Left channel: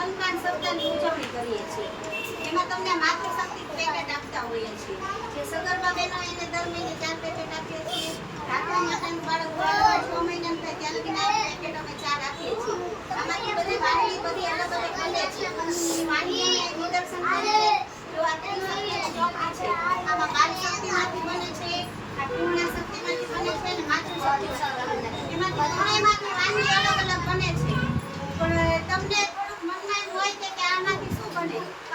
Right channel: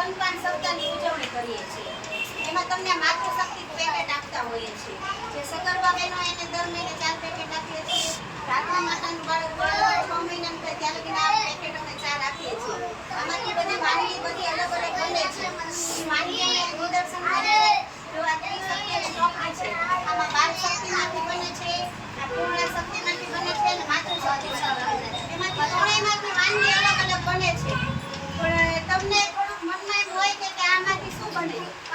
સ્તનપાન સપ્તાહની ઉજવણી કરીએ છીએ. એમાં તમને માતૃશક્તિ પેકેટ આપતા હોઈએ છીએ. જે સગર્ભા બહેનો એને દર મહિને ચાર પેકેટ આપીએ છીએ. રાત્રે માતાનું બાળક છ મહિનાનું થાય ત્યાં લગીને આ પેકેટ અમે ચાર આપીએ છીએ. આમાંથી બધી વાનગી બધી અલગ અલગ બને છે. વાનગી અમે નિદર્શન કરીએ આમાં બાળ શક્તિમાંથી બને છે પૂર્ણ શક્તિમાંથી બને છે અને માતૃશક્તિ એમાંથી ત્રણેયમાંથી વાનગી અલગ અલગ બને છે. પણ તમને થોડુંક મનમાં એમ હોય કે કે આમાંથી શું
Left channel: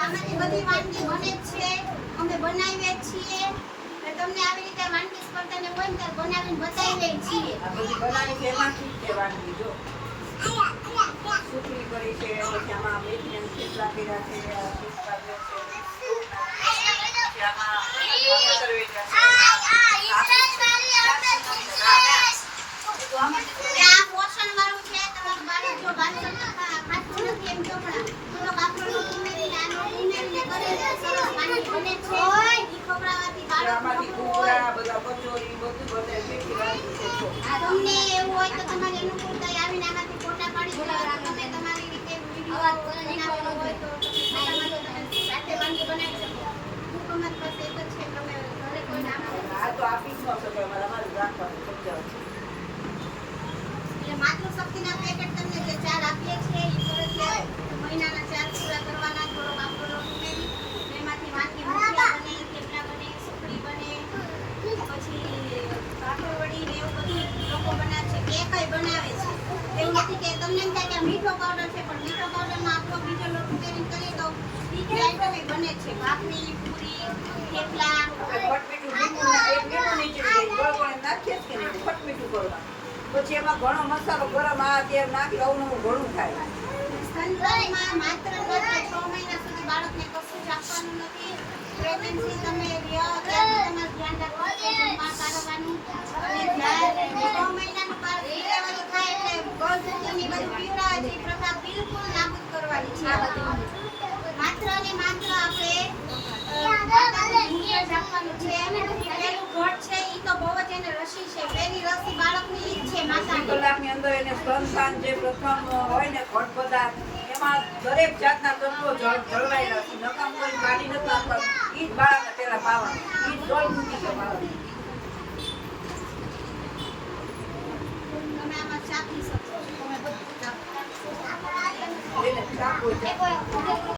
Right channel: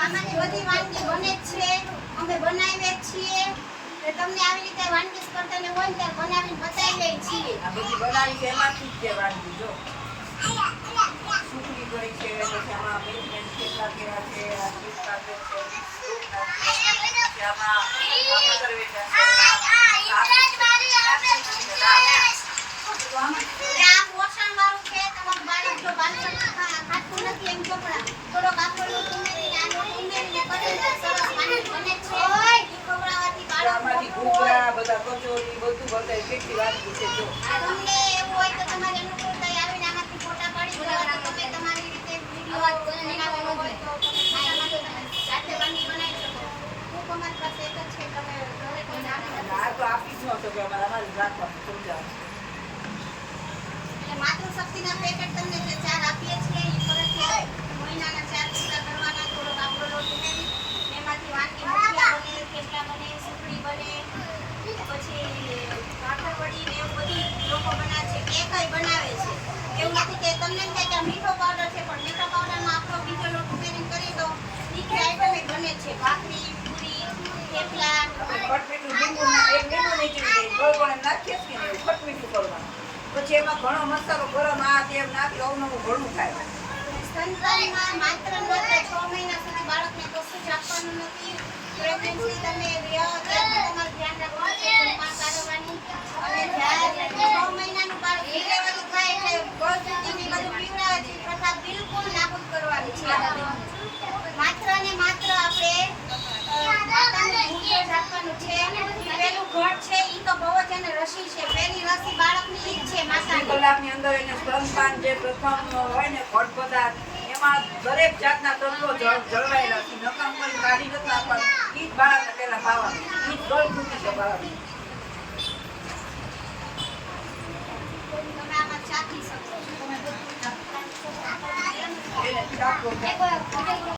આમાંથી બધી વાનગી બને જ છે. અમે બનાવીએ છીએ. તો તમને આવી રીતે વાનગી સ્પર્ધાને હોય ને ત્યારે બનાવીને બતાવીએ છીએ. બનાવી છે એમાંથી જ તે વાનગી જો. સુખડી કરી છે આમાં મેથીમેન થેપલા કર્યા છે આમાં એટલે આ પોષણવાળું છે તમારું બાળક જો બાળક ખાતું નથી એમ તો થોડોક માતૃશક્તિના પેકેટ તમને જે ચાર આપીએ છીએ એ ફરજિયાત મહિનાના ચાર પૂરા કરવાના થોડોક આપણો લોટ ઉમેરી એમાંથી વાનગી મુઠિયા બને થેપલા બને સુખડી બને પછી ભાખરવડી ને એવું બધું લોકો બનાવે છે કેકય બનાવે છે એવું નથી કે તમને એમ થાય કે મીઠો પાવડર છે પણ મીઠો પાવડરમાં આપણો બીજો લોટ ઉમેરી કરીએ તો મીઠી આઈટમ બને છે. ભાખરી પૂરી થેપલા. ગોળ ગોળ એમ ઘણો મસાલો ગરમ આ તે એમ નાખી અવનવું ઘણું થાય. સ્તનપાનમાં માત્ર માત્ર છ મહિના સુધી બાળકને કશું જ આપવાનું નથી. પ્રેગ્નન્સી તમે રહ્યો ત્યારે તમારે ધ્યાન રાખવાનું છે અને જ્યારે છ મહિનાનું બાળક ડિલિવરી થાય એટલે ગર્ભવતીને બધું પીવડાવે છે એ પ્રથા બિલકુલ નાબૂદ કરવાની છે આ બધી માત્ર ને માત્ર આપણે અ, માતાનું દૂધ જ આપવાનું છે પેલું ઘટ છે ઈ તો બહુ જ એને રસી રસી બાળકની ઈ છે માતાની. કલાકની અંદર એને સ્તનપાન જે પ્રથમ હોય ને ફળ પદાર્થ એમાં દરેક જાતના તત્વો જળ જળવાયેલા છે. નકામ કરી કાઢી નથી નાખવાનું ઈ જ બાળકને પહેલા પાવા ઈ જ ગળથૂથી છે બાળક. ચાખી શકો